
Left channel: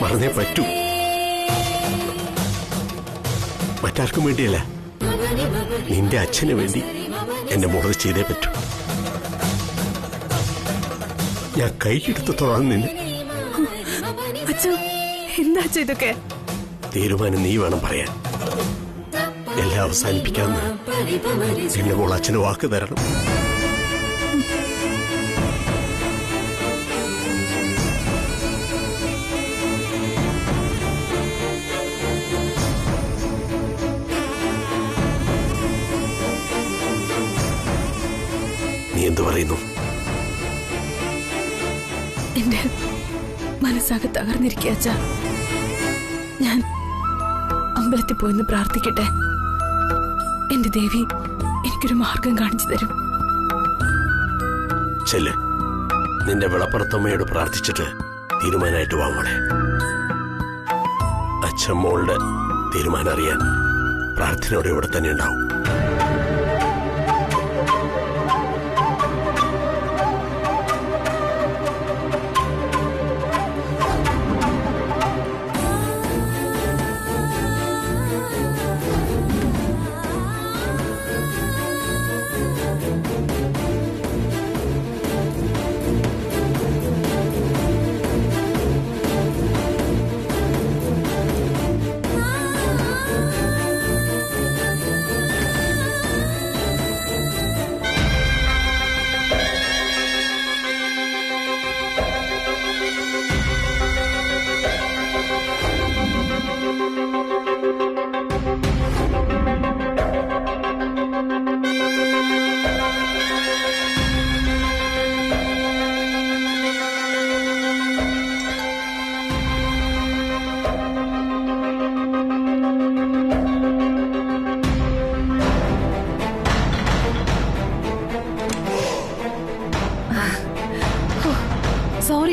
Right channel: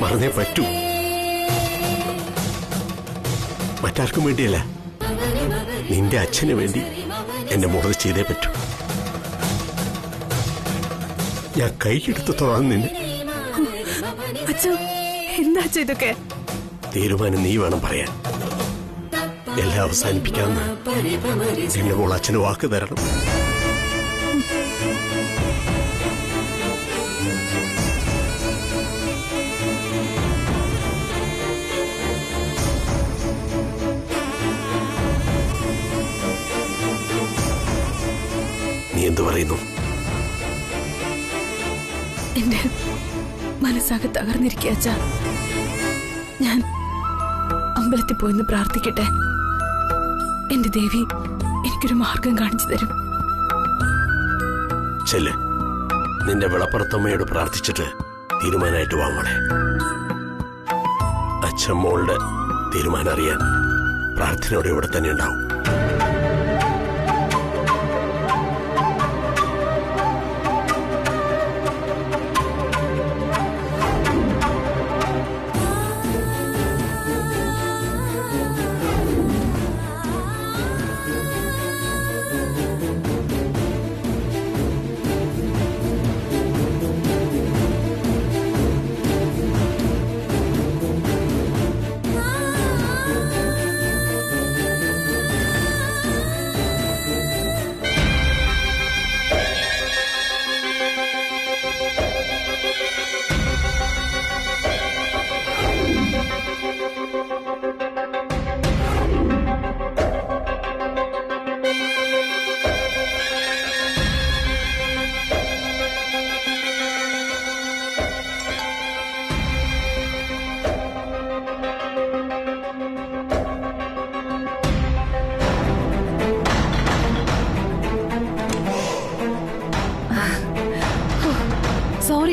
മറന്നേ പറ്റൂ. മറ്റാർക്കും വേണ്ടിയല്ല, നിന്റെ അച്ഛന് വേണ്ടി എന്റെ മോളത് ചെയ്തേ പറ്റൂ. ഞാൻ കൈയെടുത്ത് തൊഴാൻ നിന്നെ. എന്താ ഇതൊക്കെ? തീരുമാനം നീ വേണം പറയാൻ. എല്ലാം അവസാനിപ്പിക്കാമെന്ന് എന്റെ മോൾ അച്ഛന് വാക്ക് തരണം. നീ എന്തു പറയുന്നു? എന്റെ മനസ്സാകെ തകർന്നിരിക്കുക അച്ഛാ. ഞാൻ അമ്പലത്തിൽ പോയിന്ന് പ്രാർത്ഥിക്കട്ടെ. എന്റെ ദേവി എനിക്കൊരു മാർഗം കാണിച്ചു തരും. ചെല്ല്, നിന്റെ വിളപ്പുറത്തമ്മയോട് പ്രാർത്ഥിച്ചിട്ട് തീരുമാനമായിട്ട് വാങ്ങോളെ. അച്ഛൻ മോളുടെ തീരുമാനം അറിയാൻ പ്രാർത്ഥനയോടെ ഇവിടെ തന്നെ ഉണ്ടാവും.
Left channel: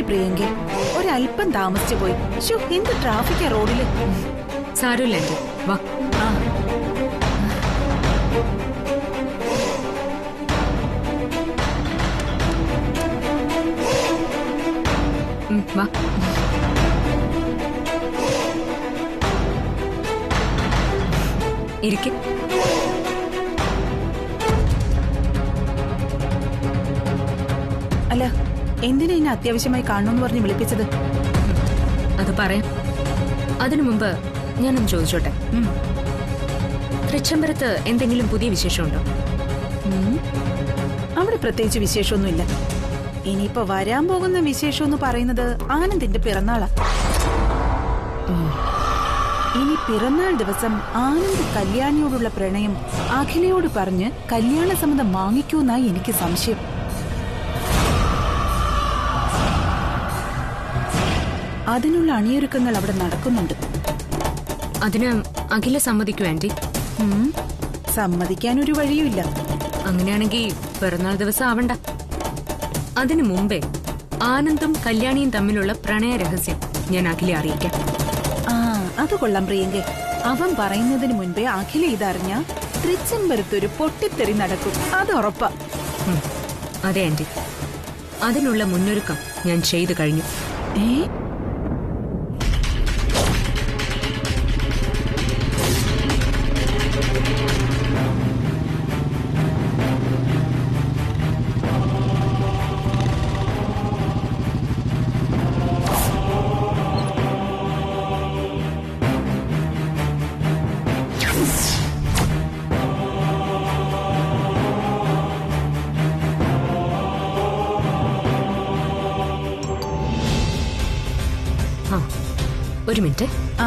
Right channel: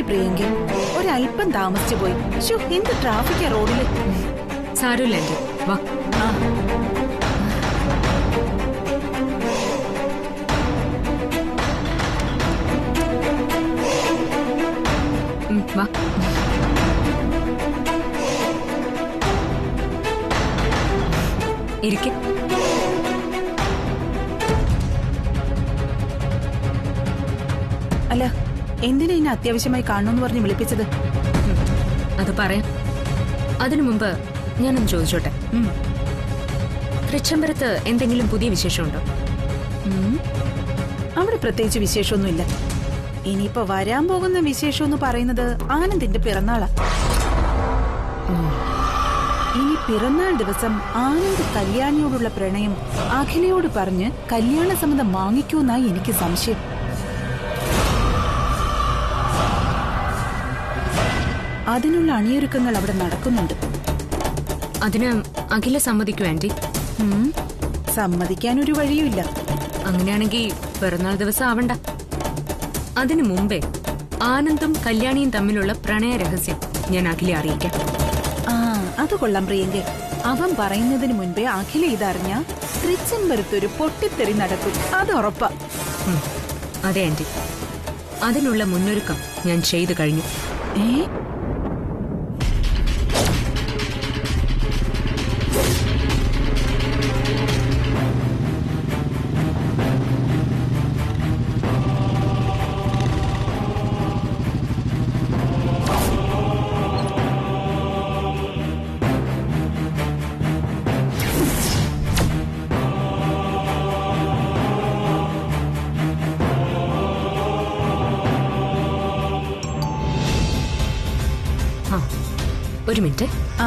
പ്രിയങ്കെ, ഒരല്പം താമസിച്ചു പോയി. ശോ, എന്ത് ട്രാഫിക്കാ റോഡില്. സാരമില്ല ആന്റി, വാ. ആ വാ. ഇരിക്കെ. അല്ല, എന്തിനാ ഇന്നെ അത്യാവശ്യമായി കാണണമെന്ന് പറഞ്ഞ് വിളിപ്പിച്ചത്? അത് പറയാം. അതിനു മുമ്പ് ഞാനൊന്ന് ചോദിച്ചോട്ടെ, തൃച്ചംബരത്ത് എന്തെങ്കിലും പുതിയ വിശേഷമുണ്ടോ? അവിടെ പ്രത്യേകിച്ച് വിശേഷമൊന്നുമില്ല. ഇനിയിപ്പോ വരാൻ പോകുന്ന വിശേഷം എന്ന് പറയുന്നത് ആനന്ദിന്റെ പിറന്നാളാ. ഇനി പിറന്നാൾ ദിവസം ആനന്ദ് കല്യാണിയോടുള്ള പ്രണയം അഖിലയോട് പറഞ്ഞ് കല്യാണ സമ്മതം വാങ്ങിക്കൂന്നായി എനിക്ക് സംശയം. അതിനുള്ള അണിയൊരുക്കങ്ങൾ അവിടെ നടക്കുന്നുണ്ട്. അതിന് അഖില സമ്മതിക്കൂ ആന്റി? സമ്മതിക്കാനൊരു വഴിയുമില്ല. അങ്ങനെയാണെങ്കിൽ പിറന്നാൾ ദിവസം ആവണ്ട. അതിനു മുമ്പേ ആനന്ദും കല്യാണിയും തമ്മിലുള്ള പ്രണയ രഹസ്യം ഞാൻ അഖിലെ അറിയിക്കാം. ആ, അത് കൊള്ളാം പ്രിയങ്കെ. അവൻ പറയുന്നതിന് മുൻപേ അഖില ഇതറിഞ്ഞ തൃച്ചംബരത്തൊരു പൊട്ടിത്തെറി നടക്കും, അത് ഉറപ്പാ. അതെ ആന്റി, അതിനുള്ള മുന്നൊരുക്കം ഞാൻ ചെയ്തു കഴിഞ്ഞു. ഏ, ആ, ഒരു മിനിറ്റ്. ആ,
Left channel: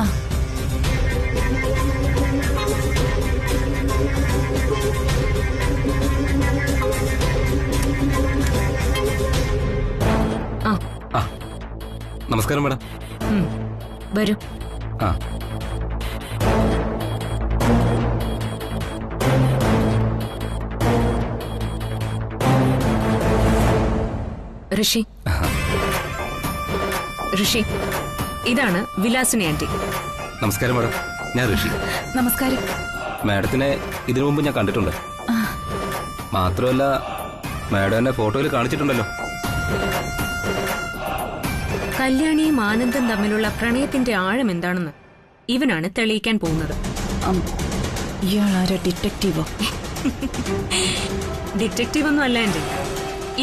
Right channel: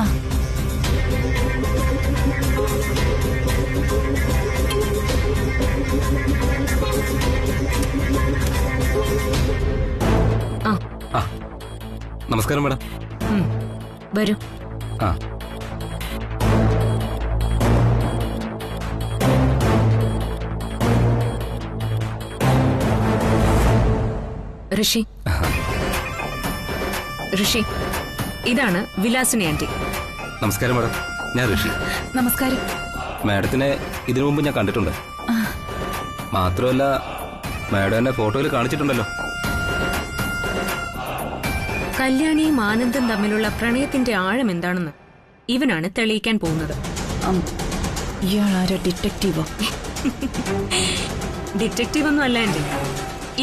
ആ, നമസ്കാരം മാഡം. വരൂ. ആ, ഋഷി, ഋഷി, ഇതാണ് വിലാസിനി ആന്റി. നമസ്കാരം മാഡം. ഞാൻ ഋഷി. നമസ്കാരം. മാഡത്തിനെ ഇതിനു മുമ്പ് ഞാൻ കണ്ടിട്ടുണ്ട്. മാത്രമല്ല മാഡം എന്നെ ഫോട്ടോയിൽ കാണിച്ചിട്ടുണ്ടല്ലോ. കല്യാണിയും ആനന്ദും തമ്മിലുള്ള പ്രണയത്തിന്റെ ആഴം എന്താണെന്ന് ഇവനാണ് തെളിയിക്കാൻ പോകുന്നത്. ഇയാളാരാ, ഡിറ്റക്റ്റീവോ? ഡിറ്റക്റ്റീവ് ഒന്നും അല്ല ആന്റി,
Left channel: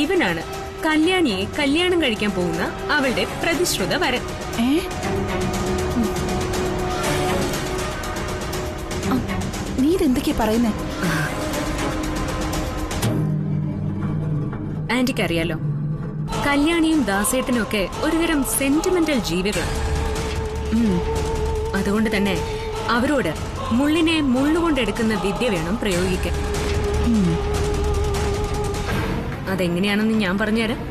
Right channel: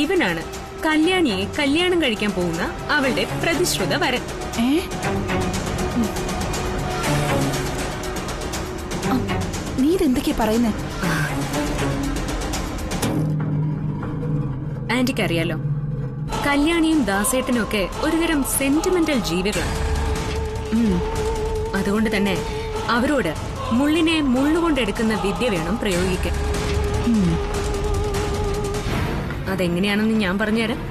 ഇവനാണ് കല്യാണിയെ കല്യാണം കഴിക്കാൻ പോകുന്ന അവളുടെ പ്രതിശ്രുത വരൻ. നീ ഇതെന്തൊക്കെയാ പറയുന്നേ? ആന്റിക്ക് അറിയാലോ, കല്യാണിയും ദാസേട്ടനും ഒക്കെ ഒരുതരം സെന്റിമെന്റൽ ജീവികളാണ്. അതുകൊണ്ട് തന്നെ അവരോട് മുള്ളിനെ മുള്ളുകൊണ്ടെടുക്കുന്ന വിദ്യ വേണം പ്രയോഗിക്കാൻ. അതെങ്ങനെയാണെന്ന് ഞാൻ പറഞ്ഞുതരാം.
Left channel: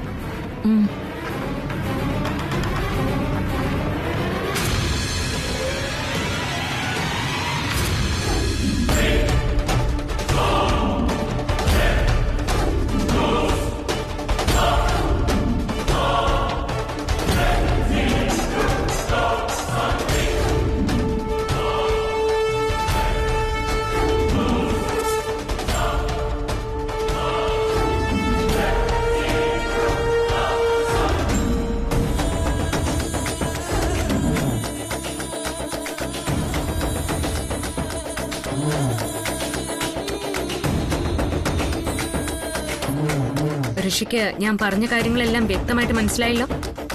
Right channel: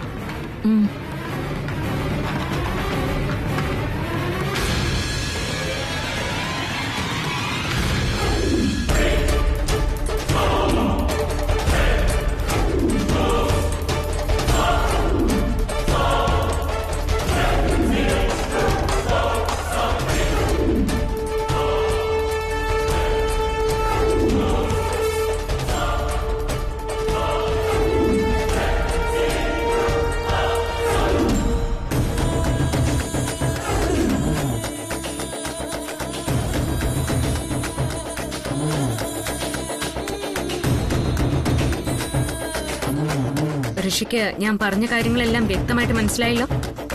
ഋഷിക്ക് ഞാൻ പറഞ്ഞ കാര്യങ്ങളെല്ലാം വ്യക്തമായിട്ട് മനസ്സിലായല്ലോ?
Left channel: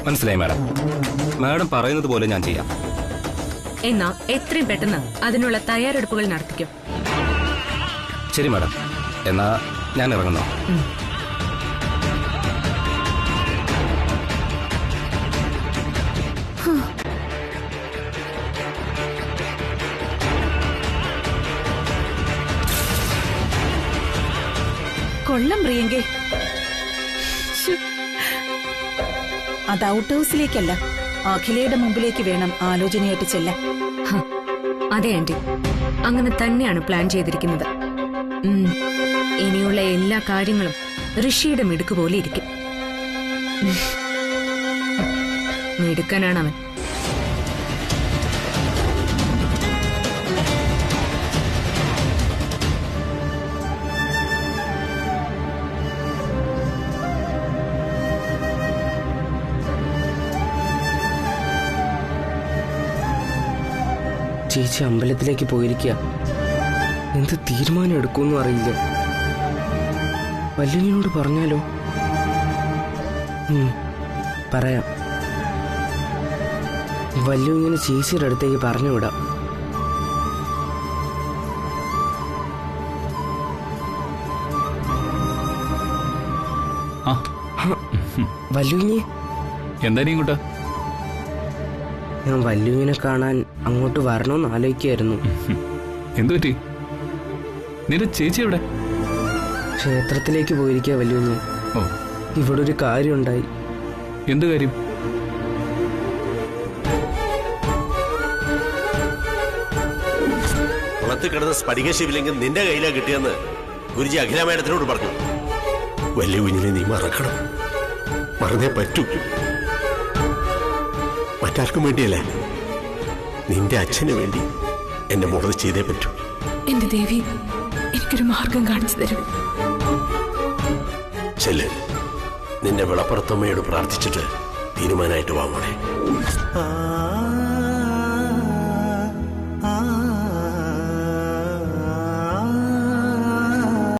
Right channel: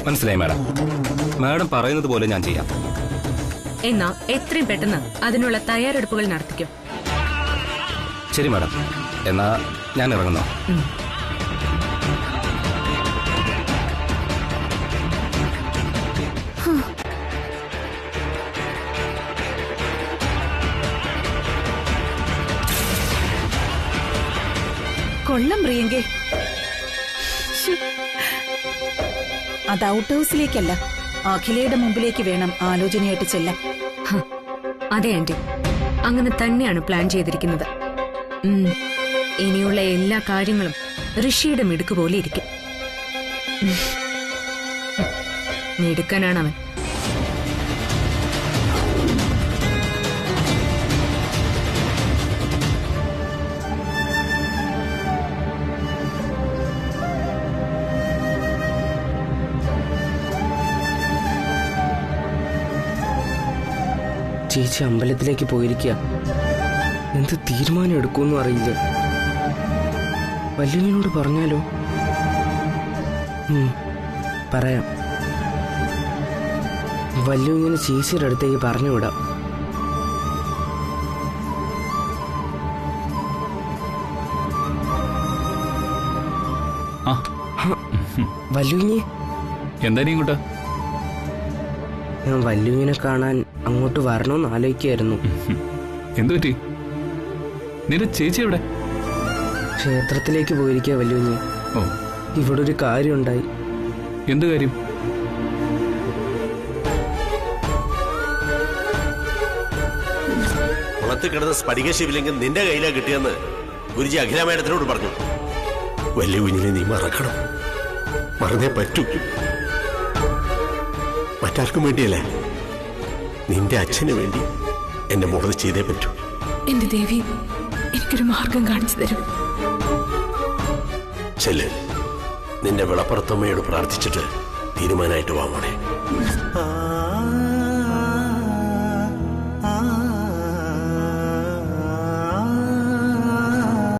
മനസ്സിലായി മാഡം. മാഡം പറയുന്നത് പോലെ ഞാൻ ചെയ്യാം. എന്നാ എത്രയും പെട്ടെന്ന് അതിനുള്ള തയ്യാറെടുപ്പുകൾ നടത്തിക്കോ. ശരി മാഡം, എന്നാ ഞാൻ ഇറങ്ങുന്നു. കൊള്ളം പ്രിയങ്കെ. അത് ഔട്ട് ഹൗസിലേക്കല്ല, അഖിലയുടെ മുമ്പിലേക്ക് വേണം ആലോചനയായിട്ട് ചെല്ലാൻ. അതെ ആന്റി, അങ്ങനെ തന്നെയാണ് പ്ലാൻ ചെയ്തിരിക്കുന്നത്. ഇനിയുള്ള എല്ലാ കാര്യങ്ങളും ഋഷിയുടെ മിടുക്ക് പോലെ ഇരിക്കും. മിടുക്കനാണ് അവൻ. ചേച്ചി അമ്പലത്തിലേക്ക് പോയിരിക്കുക. എന്ത് തീരുമാനം എടുക്കുമെന്നും അറിയില്ല. വല്യനോട് പറഞ്ഞാലോ? പറയാം. വല്യു ഇങ്ങനെ ചേച്ചിയുടെ അടുത്തേക്ക് പറഞ്ഞുവിടാം. വല്യുവിനെ എന്താ നീ ഇങ്ങോട്ട്? ഞാൻ വല്യുവിനെ കാണാൻ അങ്ങോട്ട് വരണമെന്ന് ആലോചിക്കായിരുന്നു. എന്തു പറ്റി? നിന്റെ ചേച്ചി എവിടെ? ക്ഷേത്രത്തിലേക്ക് പോയിരിക്കുക വല്യുവിനെ. ഓ, ഇവിടെ ഒരു കാര്യം ഉണ്ടായി. എന്ത് കാര്യം? കുളത്തിൽ കിടന്ന സ്ഫടിക ശിവലിംഗം നിന്റെ കയ്യിലാ കിട്ടിയെന്ന് ഗുരുജി അഖില മേഡത്തിനോട് പറഞ്ഞു. വലിയ കുഞ്ഞിനെ നീ മറക്കണം, മറന്നേ പറ്റൂ. മറ്റാർക്കും വേണ്ടിയല്ല, നിന്റെ അച്ഛന് വേണ്ടി എന്റെ മോളത് ചെയ്തേ പറ്റൂ. എന്റെ ദേവി, എനിക്കൊരു മാർഗം കാണിച്ചു തരും. ചെല്ല്, നിന്റെ വിളപ്പുറത്തമ്മയോട് പ്രാർത്ഥിച്ചിട്ട് തീരുമാനമായിട്ട് വാങ്ങണേ.